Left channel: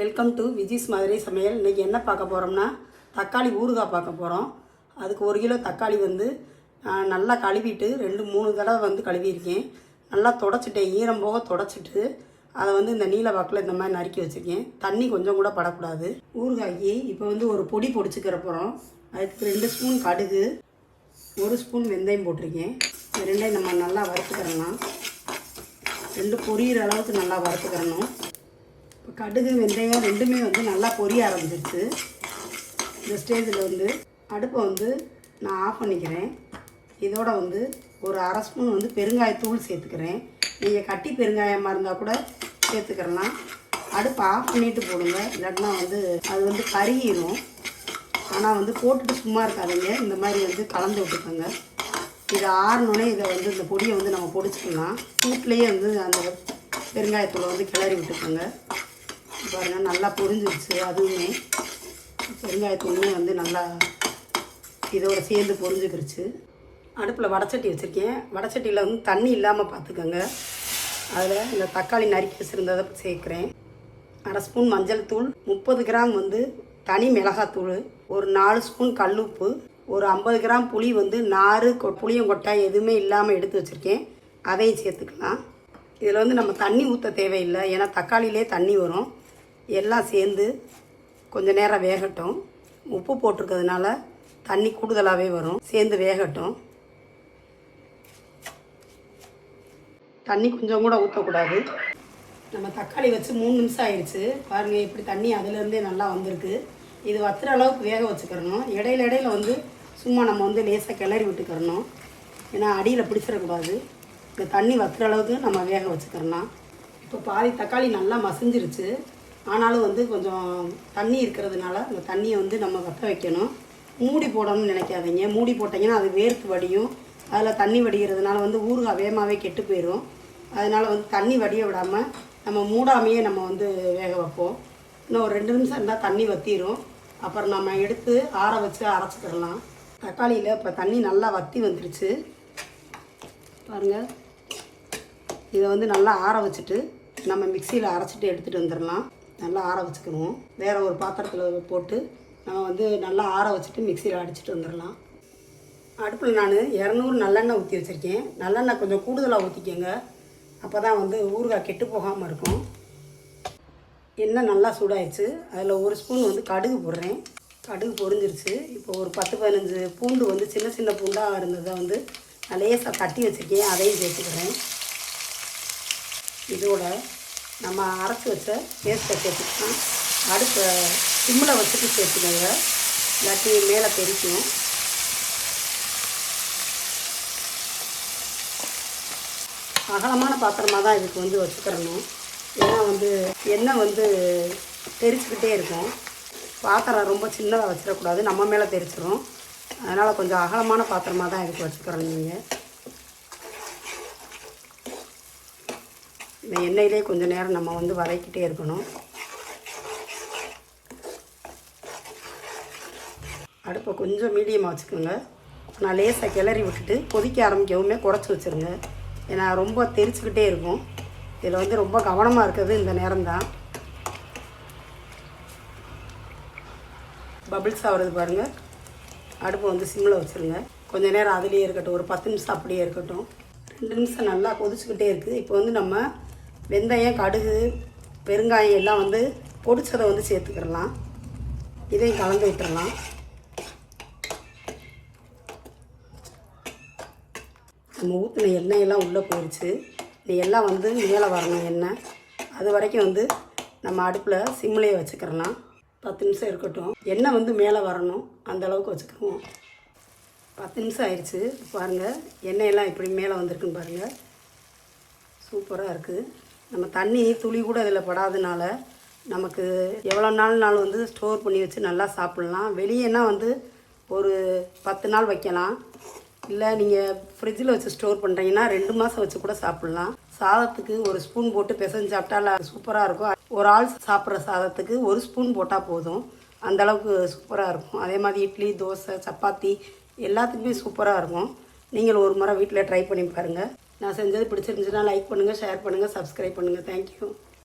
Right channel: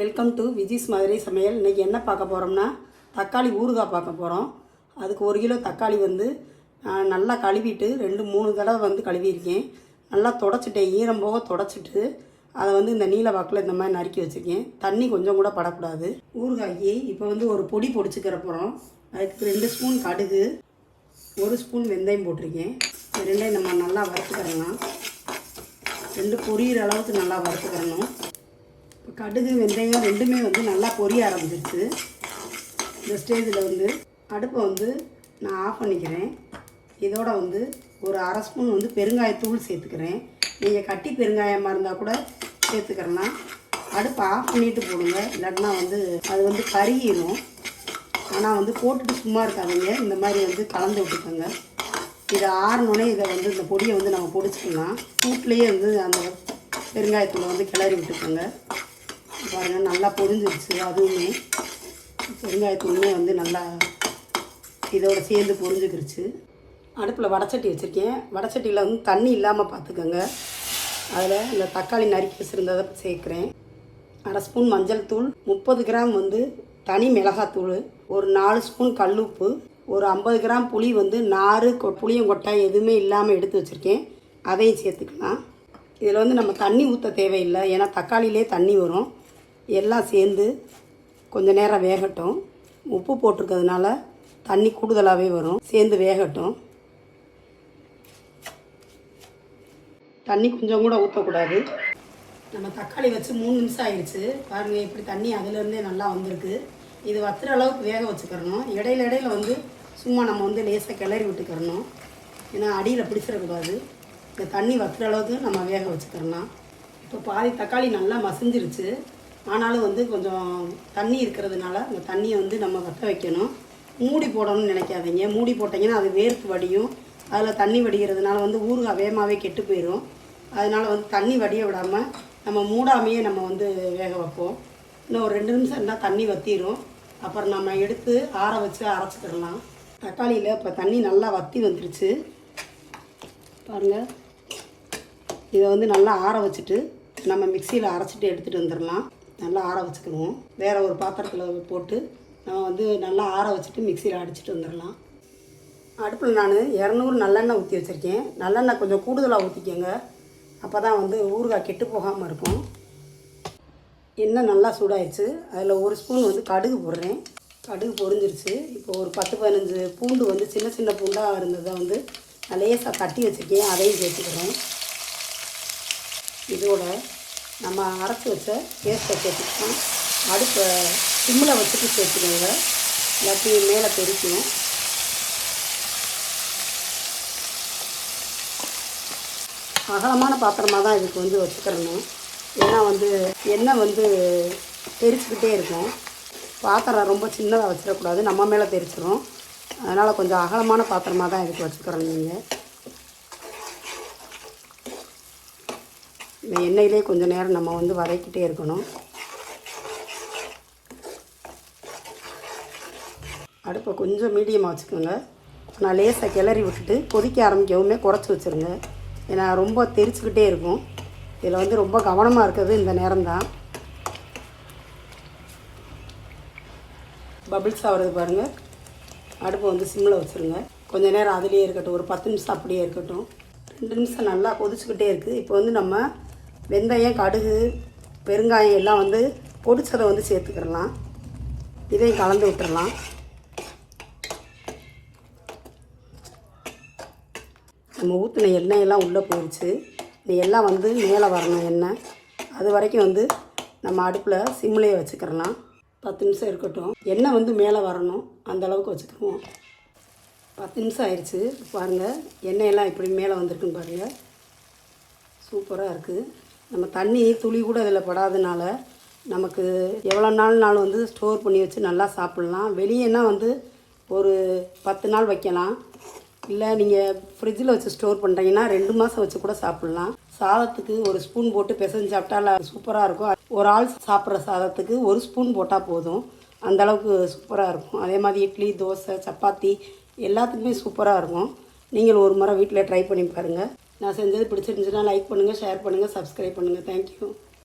Welcome to Viji's Madurai சமையல். இன்றைக்கி என்ன பார்க்க போகிறோம்னா தக்காளி ஊறுகாய் பார்க்க போகிறோம் அதுக்கு ஒரு கிலோ தக்காளி வந்து நல்லா கழுவிட்டு ரெண்டு மூணு தடவை வந்து கழுவியிருக்கேன். நல்லா தொடச்சிட்டேன். ஈரம் போக தொடச்சிட்டு அதை வந்து இந்த நீல வாக்கில் இந்த மாதிரி நறுக்கி வச்சுருக்கேன். தண்ணி கொஞ்சம் கூட படக்கூடாது. ஊறுகாய்க்கு இப்போ வந்து ஒரு பொடி பொடிச்சுக்கிற போகிறோம் அதுக்கு ரெண்டு ஸ்பூன் கடுகு ஒரு ஸ்பூன் வெந்தயம் போட்டிருக்கேன். ரெண்டையும் நம்ம நல்லா வறுத்துக்கிறலாம் ரெண்டு பொரியிற அளவுக்கு நல்லா வறுத்துக்கிறணும் கடுகு வெந்தயம் ரெண்டுமே வந்து நல்லா பொரிய ஆரம்பிச்சிருச்சு. இந்த ஸ்டேஜில் வந்து அடுப்பை வந்து நான் ஆஃப் பண்ணிக்கிறேன். இதோட வந்து ஒரு அரை ஸ்பூன் வந்து பெருங்காயத்தூள் சேர்த்துக்கிறேன். நீங்கள் கட்டி பெருங்காயமாக இருந்தால் கூட சேர்த்துக்கிறலாம் அடுப்பை ஆஃப் பண்ணிட்டு போடுங்க. இல்லாட்டினா வந்து அது வந்து கருகிடும் ஆனால் வந்து போட்டுட்டு சும்மா இருக்காதீங்க. இந்த மாதிரி வந்து கலந்து விட்டுக்கோங்க. இதை ஆறணுன்னே இதை வந்து இந்த பொடியை வந்து நம்ம பொடிச்சுக்கலாம். கூட்டிலேயே வந்து அந்த பெருங்காயத்தூளை வந்து கிளறி விட்டுக்கோங்க. பாருங்கள் நல்லா பொரிஞ்சிருச்சு அதுவுமே. பெருங்காயத்தூளுமே வந்து நல்லா இதோட சேர்ந்து பொரிஞ்சுக்கிருச்சு. அடுப்பில் வடச்சட்டி வச்சுருக்கேன். வடச்சட்டியில் வந்து தண்ணி இல்லாமல் பார்த்துக்கோங்க அதில் இந்த தக்காளி நறுக்கி வச்சுருந்ததை சேர்க்குறேன். அரை ஸ்பூன் மஞ்சள் தூள் முப்பது கிராம் வந்து தனி மிளகாத்தூள் ஒரு நாலு ஸ்பூன் கல்லுப்பு ஒரு ஐம்பது கிராம் புளி வந்து நாறு கொ- புளியங்கொட்டாய் எதுவுமே இல்லாமல் எடுத்து வச்சுருக்கேன். அதையும் சேர்த்துக்கலாம். இதில் வந்து நம்ம தண்ணி ஊற்ற தேவையில்லை ஏன்னா தக்காளியிலே தண்ணி வரும். எல்லாம் சேர்ந்து கொஞ்சம் நேரம் வேகட்டும். உப்பு போட்டிருக்கிறதுனால தண்ணி கூடுதலாகவே வரும். சேர்ந்து வேகட்டும். தண்ணி கொஞ்சம் கூட ஊற்றக்கூடாது நம்ம தக்காளி வச்சு மூணு நிமிஷம் ஆயிடுச்சு. பாருங்கள் இப்படி தண்ணி அதுலேருந்தே நல்லா வந்திருக்கு. இது வத்துற அளவுக்கு வேக வச்சுக்கிறணும். இடையில இடையில வந்து சும்மா நம்ம வந்து லேசாக கிளறி விட்டுக்கிறணும். ஏன்னா அடியில் பிடிச்சிடக்கூடாது. இந்த தண்ணி வத்துற அளவுக்கு நம்ம வேக வச்சுக்கிறலாம். இப்போ பாதி தக்காளி நல்லா மசிஞ்சிருச்சு. ஆனாலும் வந்து கொஞ்சம் தண்ணி இருக்கிறதுனால அந்த தண்ணியை வந்து நம்ம வற்ற வைக்கணும். மூடி போடணும்னு நினைக்காதீங்க. மூடி போட்டிங்கன்னா அது வேர்த்து வடியும். அதில் தண்ணி வடிகிறதுனால வந்து ஊறுகாய் வேகமாகவே கெட்டு போயிடும் அதனால் வந்து தண்ணி வடிய விடாமல் நம்ம மூடாமையே நம்ம வந்து வேக வைப்போம். இன்னும் ஒரு ரெண்டு நிமிஷம் இருந்தால் தண்ணி வற்றிடும் அப்புறம் நம்ம எடுத்து ஆற வச்சு அரைச்சிக்கிடலாம். தக்காளியில் இப்போ தண்ணி நல்லா வற்றி வந்துருச்சு. பாருங்கள் இதை வந்து நல்லா ஆற வச்சுட்டு நம்ம மிக்சியில் அரைச்சிட்டு எடுத்துகிட்டு வந்துடலாம் நல்லா ஆற வச்சுக்கணும். வேறு ஒரு பாத்திரத்தில் போட்டு நம்ம வந்து நல்லா ஆற வச்சுட்டு மிக்சியில் அடிச்சிட்டு வந்துடலாம். அடுப்பில் நான் இரநூறு நல்லெண்ணெய் ஊற்றி வச்சுருக்கேன். நல்லெண்ணெய் கொஞ்சம் கூடுதலாக ஊற்றிக்கோங்க அப்போ தான் வந்து ஊறுகாய் கெட்டு போகாமல் இருக்கும். எண்ணெய் நல்லா சூடாயிடுச்சு. அதில் ஒரு ஸ்பூன் வந்து கடுகு போடுறேன். கடுகு பொரிஞ்சிருச்சு. இப்போ ஒரு பத்து பதினஞ்சு பூண்டு வந்து சின்ன சின்ன பூண்டாக இருந்ததை வந்து நிறைய லேசாக தட்டி வச்சுருக்கேன். அதையும் சேர்த்துக்கிறேன். இதோட நம்ம அரைச்சி வச்ச பேஸ்ட்டை சேர்த்துக்கலாம் அடுப்பை சிம்மில் வச்சுட்டு சேர்த்துக்கோங்க. இல்லாட்டி மேலே தெரிக்கும் அகலமான பாத்திரமாக தான் இதுக்கு வந்து வச்சுக்கிறணும். ஏன்னா வந்து எண்ணெய் வந்து தெரிச்சுக்கிட்டே இருக்கும். பாத்திரம் ரொம்ப சின்னதாக வச்சிடக்கூடாது. நம்ம மேலே தெரிச்சிடும் அதனால் கொஞ்சம் அகலமான பாத்திரமாக தான் இதுக்கு வச்சுக்கிறோம் நீங்கள் இந்த எண்ணெயிலே கொஞ்சம் நேரம் நம்ம வந்து வதக்கிட்டே இருக்கணும். அடுப்பை கொஞ்சம் மீடியமாக வச்சுக்கோங்க நான் லேசாக கிளறி விட்டுட்டு கொதிக்க ஆரம்பிக்கவுமே குறைச்சி வச்சுருங்க. ஏன்னா ரொம்ப தெரிச்சுக்கிட்டே இருக்கும். இதில் வந்து ரொம்ப கவனமாக இருக்கிறது இந்த நேரம்தான். பபிள்ஸ் ஆகிறது பாருங்கள் அடுப்பை வந்து சிம்மில் வச்சுருங்க. கொஞ்ச நேரம் அதுலேயே இருக்கட்டும். ஒரு பத்து நிமிஷம் அப்படியே இருக்கட்டும். ரெண்டு நிமிஷம் நல்லா கொதிச்சுக்கிட்டே இருக்குது இப்போ வந்து நம்ம வெந்தயம் கடுகு பெருங்காயம் எல்லாம் வந்து பொடிச்சதை வந்து சேர்த்துக்கிடலாம். இதையும் கலந்து விட்டுறலாம். நம்ம ஊற்றின எண்ணெயெல்லாம் உள்ளே போயிடுச்சு. இது எல்லாம் வந்து மேலே வரணும் எண்ணெய். அது வரைக்கும் வந்து நம்ம அடுப்பில் சிம்லேயே வச்சுக்கிறலாம் பத்து நிமிஷம் இருக்கட்டும். எண்ணெய் வந்து மேலே வரணும். அந்த அளவுக்கு வச்சுக்கிடுவோம். பத்து நிமிஷம் ஆயிடுச்சு. பாருங்கள் எண்ணெயெல்லாம் இப்படி மேலே வந்திருக்குன்னு பாருங்கள் சூப்பராக இருக்குது நம்ம தண்ணி துளி கூட அதில் படாதனால நமக்கு எவ்வளோ நாள்னாலும் வந்து ஸ்டோர் பண்ணி வச்சு நல்லா சாப்பிட்லாம். வெளியேனா வந்து ஒரு பத்து நாள் வைக்கலாம். இல்லை நீங்கள் ஃப்ரிட்ஜில் வச்சு ஸ்டோர் பண்ணுறீங்கன்னா ரெண்டு மாதம் வச்சு கூட சாப்பிட்லாம். சாதத்துக்கு ஒரு ஸ்பூன் போட்டு பிசைஞ்சு சாப்பிட்டா சூப்பராக இருக்கும். ஒரு ஆள் சாப்பிட்ற சாதத்துக்கு ஒரு ஸ்பூன் போட்டால் போதும். அந்த அளவுக்கு சூப்பராக இருக்கும். அதே மாதிரி இட்லி தோசை சப்பாத்தி எல்லாத்துக்குமே சூப்பராக இருக்கும். நீங்கள் ஒரு முறை வீட்டில் ட்ரை பண்ணி பாருங்கள் நான் செஞ்சது பிடிச்சிருந்துச்சுன்னா லைக் பண்ணுங்கள் ஷேர் பண்ணுங்கள் சப்ஸ்கிரைப் பண்ணுங்கள் தேங்க்யூ